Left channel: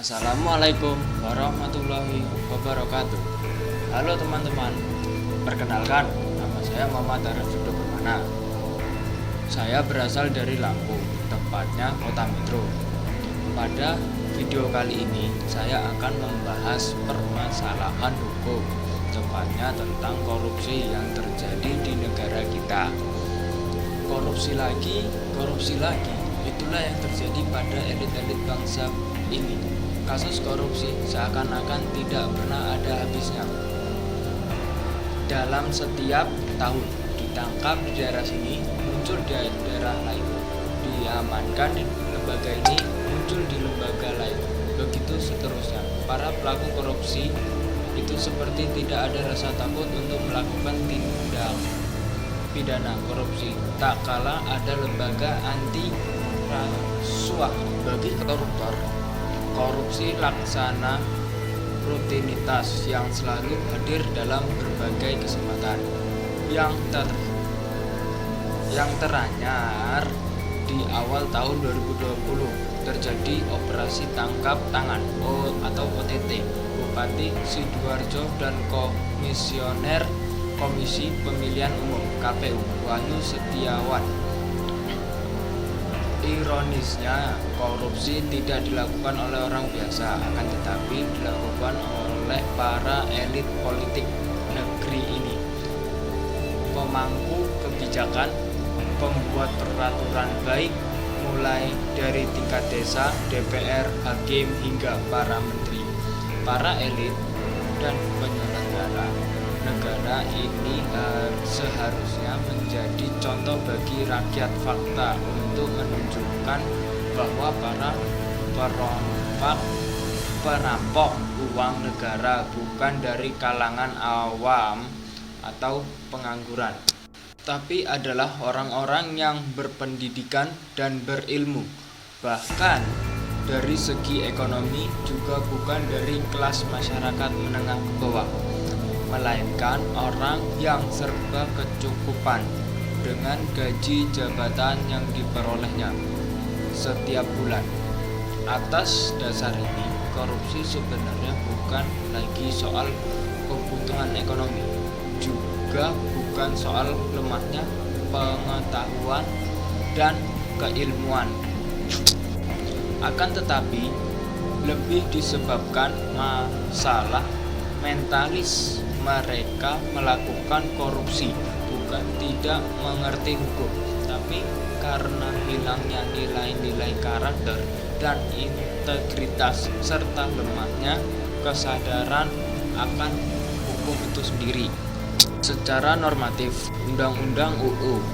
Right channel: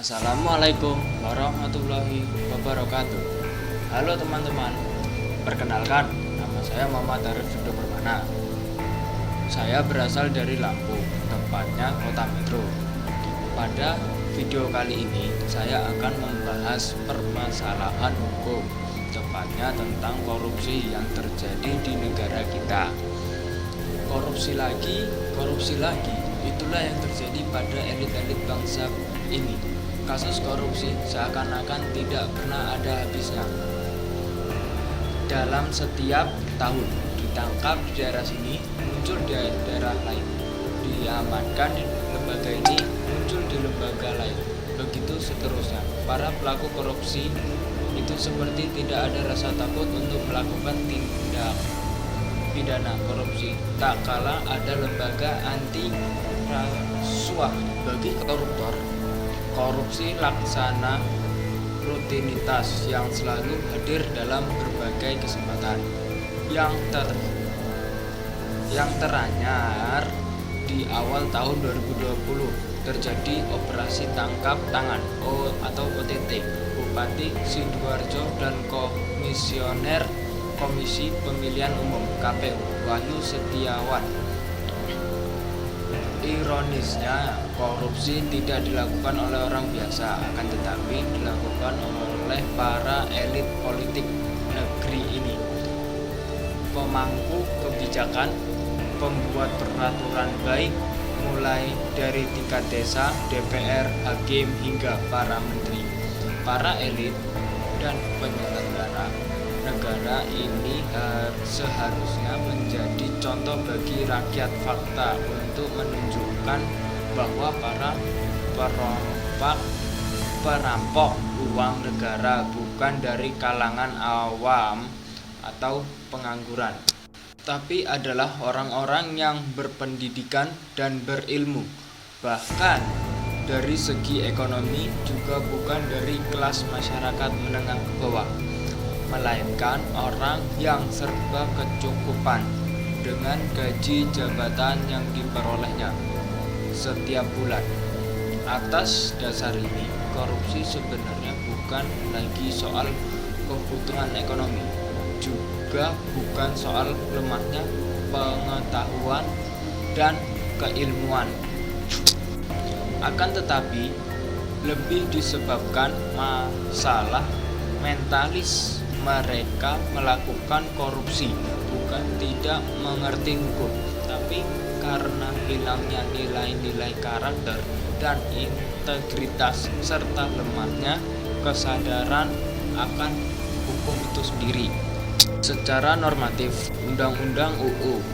Assalamualaikum warahmatullahi wabarakatuh. Halo teman-teman, perkenalkan, nama saya Muhammad Arif Fido Permana. Saya berasal dari Lampung, tepatnya Kota Metro. Pada video kali ini, saya akan membahas permasalahan hukum, tepatnya tentang korupsi yang terjadi di negara kita. Korupsi lagi, itulah yang terjadi pada elit-elit bangsa ini. Kasus korupsi seakan-akan tidak pernah ada habisnya. Dalam setiap tahun ditangkap di daerah sini, muncul di daerah lain, diamankan di lembaga ini, muncul di lembaga lain, begitu seterusnya. Para pelaku korupsi itu seperti tidak ada rasa takut untuk melakukan tindak pidana korupsi, tak kala ada lembaga anti rasuah. Bagi koruptor, korupsi laksana rutinitas yang selalu hadir dalam berbagai kesempatan. Yang teranyar di awal tahun 2020 terjadi operasi tangkap tangan atau OTT Bupati Sidoarjo dan Komisioner Komisi Pemilihan Umum (KPU) Wahyu Setiawan. Ironisnya, korupsi tidak dilakukan oleh orang biasa, akan tetapi dilakukan oleh para elit politik negeri ini. Pemangku kebijakan, pembuat peraturan baik, mulai dari tingkat desa, DPR, hakim, hingga para menteri. Para elit dan penyelenggara negara ini seharusnya menjadi contoh bagi rakyat fakta untuk menunjukkan bahwa para perampok uang negara bukan dari kalangan awam atau pengangguran, tapi adalah orang-orang yang berpendidikan dan berilmu. Bahkan dari segi ekonomi juga bukan dari kelas masyarakat menengah ke bawah, melainkan orang yang serba kecukupan dengan gaji jabatan yang diperolehnya setiap bulan. Atas dasar ini, korupsi sebenarnya bukan lagi soal kebutuhan ekonomi, juga bukan soal lemahnya pengetahuan dan keilmuan. Akan tetapi, lebih disebabkan masalah mentalis. Mereka melakukan korupsi bukan tidak mengerti hukum, tapi karena hilangnya nilai-nilai karakter dan integritas serta lemahnya kesadaran akan hukum itu sendiri. Secara normatif, Undang-Undang UU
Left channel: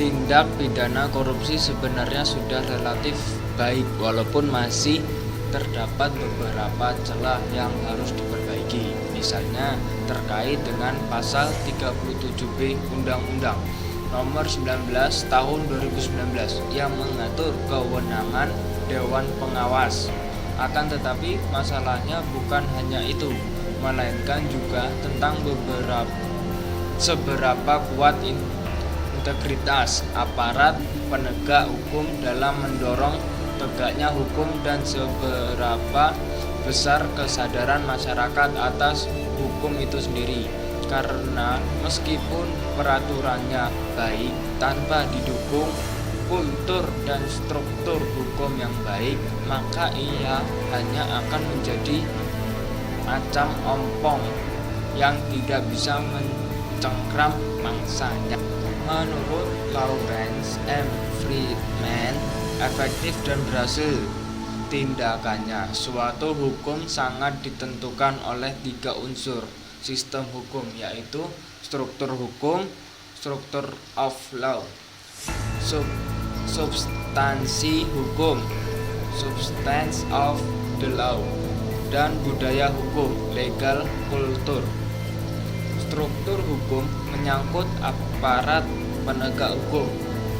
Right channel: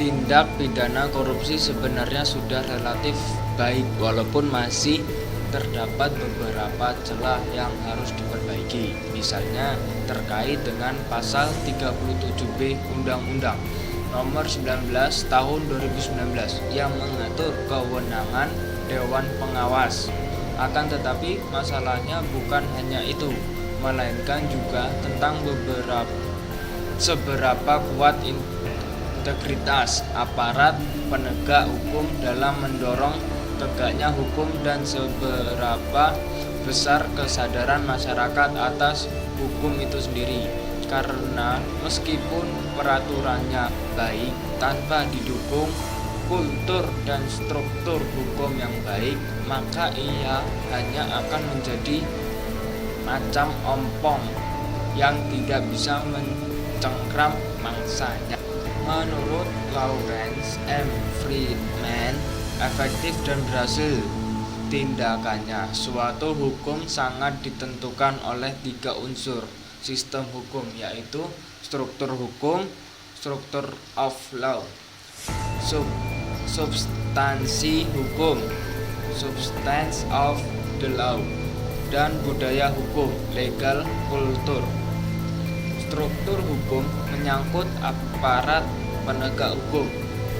Tindak Pidana Korupsi sebenarnya sudah relatif baik, walaupun masih terdapat beberapa celah yang harus diperbaiki, misalnya terkait dengan pasal 37B Undang-Undang Nomor 19 Tahun 2019 yang mengatur kewenangan Dewan Pengawas. Akan tetapi masalahnya bukan hanya itu, melainkan juga tentang seberapa kuat integritas aparat penegak hukum dalam mendorong tegaknya hukum dan seberapa besar kesadaran masyarakat atas hukum itu sendiri. Karena meskipun peraturannya baik, tanpa didukung kultur dan struktur hukum yang baik, maka ia hanya akan menjadi macam ompong yang tidak bisa mencengkram mangsanya. Menurut Lawrence M. Friedman, efektif dan berhasil tindakannya suatu hukum sangat ditentukan oleh 3 unsur sistem hukum, yaitu struktur hukum, structure of law, substansi hukum, substance of the law, dan budaya hukum, legal culture. Struktur hukum menyangkut aparat penegak hukum.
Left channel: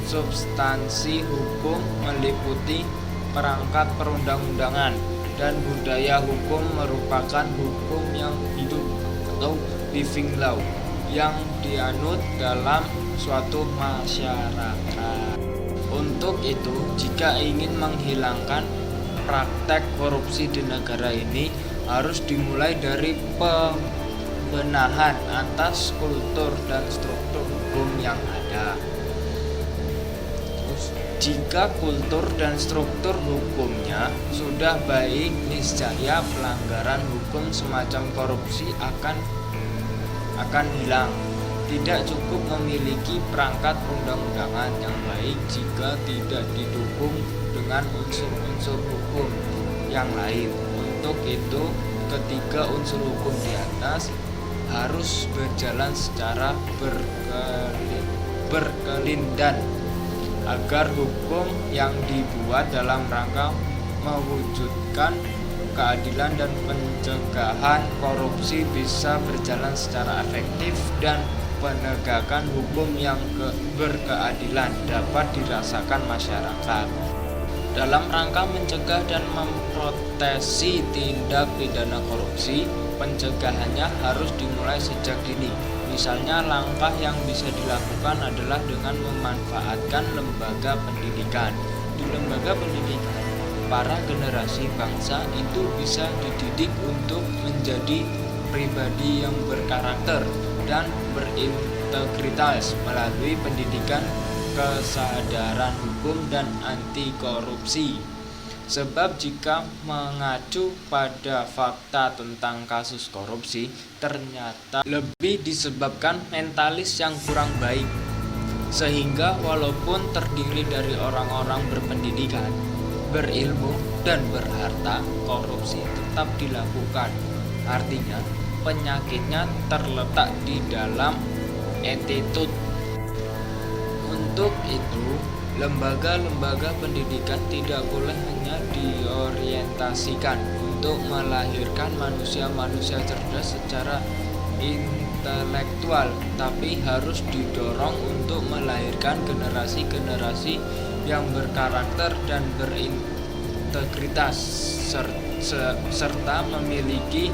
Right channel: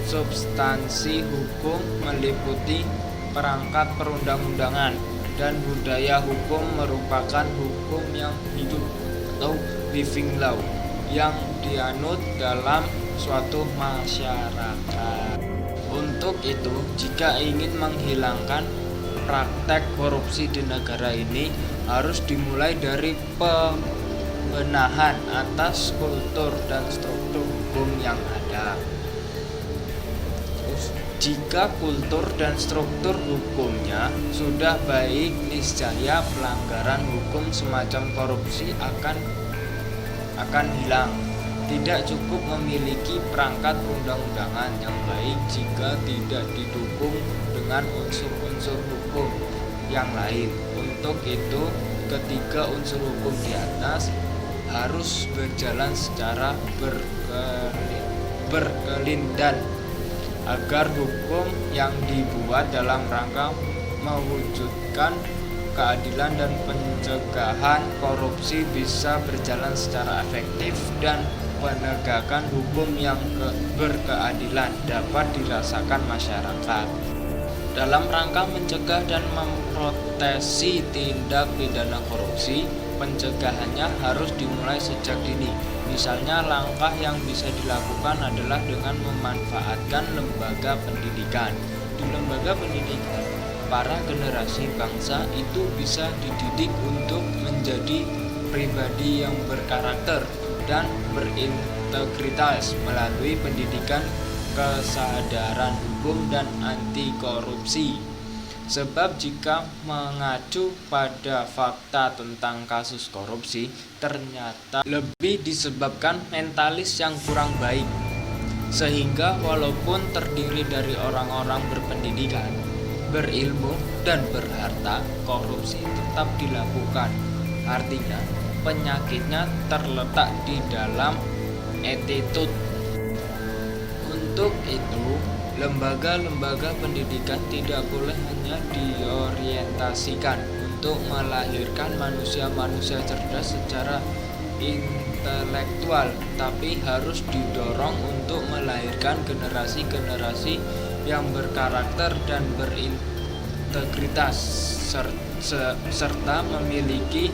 Substansi hukum meliputi perangkat perundang-undangan, dan budaya hukum merupakan hukum yang hidup atau living law yang dianut dalam suatu masyarakat. Untuk itu, jika ingin menghilangkan praktek korupsi di negara ini harus dimulai dari pembenahan atas kultur dan struktur hukum yang ada. Terus, jika kultur dan struktur hukumnya sudah baik, niscaya pelanggaran hukum semacam korupsi akan hilang. Tidak cukup memiliki perangkat perundang-undangan yang baik jika tidak didukung dengan unsur-unsur hukum yang lain. Untuk itu, ketiga unsur hukum di atas harus berjalan secara berkelindan agar hukum yang dibuat dalam rangka mewujudkan keadilan dan pencegahan korupsi bisa berjalan secara efektif dan penegakan hukum yang berkeadilan dapat dirasakan masyarakat. Dalam rangka mencegah dan memproteksi tindak pidana korupsi, pencegahannya harus dimulai sejak dini. Misalnya, langkah yang bisa dilakukan adalah dengan memanfaatkan lembaga pendidikan. Di lembaga pendidikan, para generasi bangsa itu bisa dididik untuk menjadi pribadi yang berkarakter dan berintegritas melalui pendidikan kesadaran hukum dan anti korupsi. Sebab jika mengacu pada fakta tentang kasus korupsi, ternyata lebih disebabkan mentalis yang kurang baik. Sehingga walaupun terdiri dari orang-orang berpendidikan, berilmu, dan berharta, korupsi tetap dilakukan. Artinya, penyakitnya terletak di dalam attitude. Untuk itu, lembaga-lembaga pendidikan tidak boleh hanya diorientasikan untuk melahirkan manusia-manusia cerdas secara intelektual, tapi harus didorong untuk melahirkan generasi-generasi yang berkarakter dan berintegritas serta memiliki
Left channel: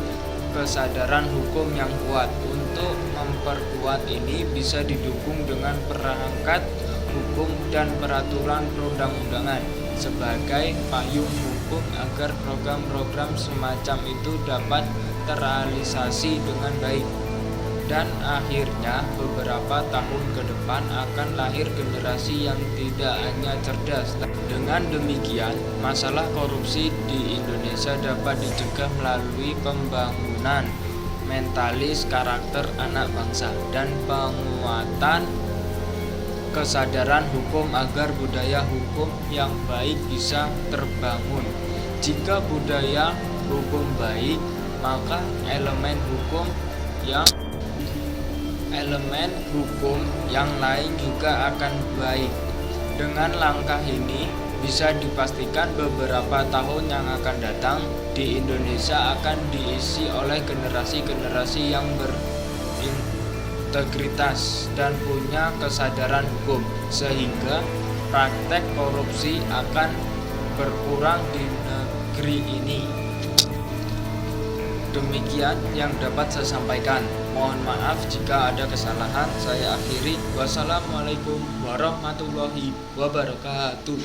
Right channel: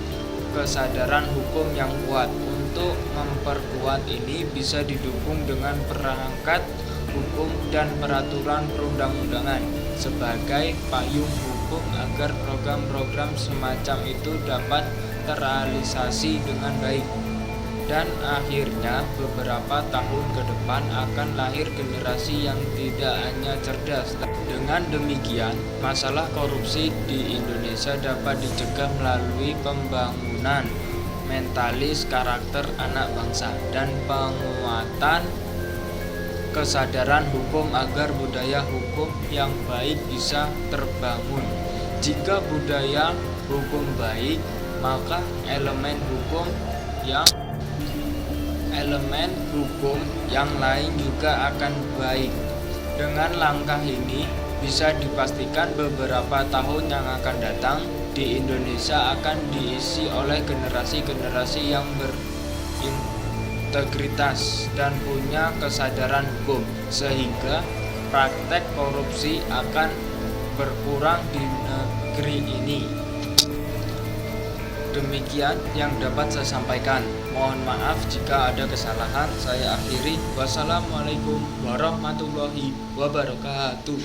kesadaran hukum yang kuat. Untuk memperkuat ini bisa didukung dengan perangkat hukum dan peraturan perundang-undangan sebagai payung hukum agar program-program semacam itu dapat terrealisasi dengan baik. Dan akhirnya beberapa tahun ke depan akan lahir generasi yang tidak hanya cerdas. Dengan demikian, masalah korupsi di Indonesia dapat dicegah melalui pembangunan mentalis karakter anak bangsa dan penguatan kesadaran hukum agar budaya hukum yang baik bisa terbangun. Jika budaya hukum baik, maka elemen hukum yang lain juga akan baik. Dengan langkah ini, bisa dipastikan beberapa tahun yang akan datang di Indonesia akan diisi oleh generasi-generasi yang berintegritas dan punya kesadaran hukum, sehingga praktek korupsi akan berkurang di negeri ini. Demikian yang dapat saya sampaikan. Mohon maaf jika ada kesalahan. Saya akhiri. Wassalamualaikum warahmatullahi wabarakatuh.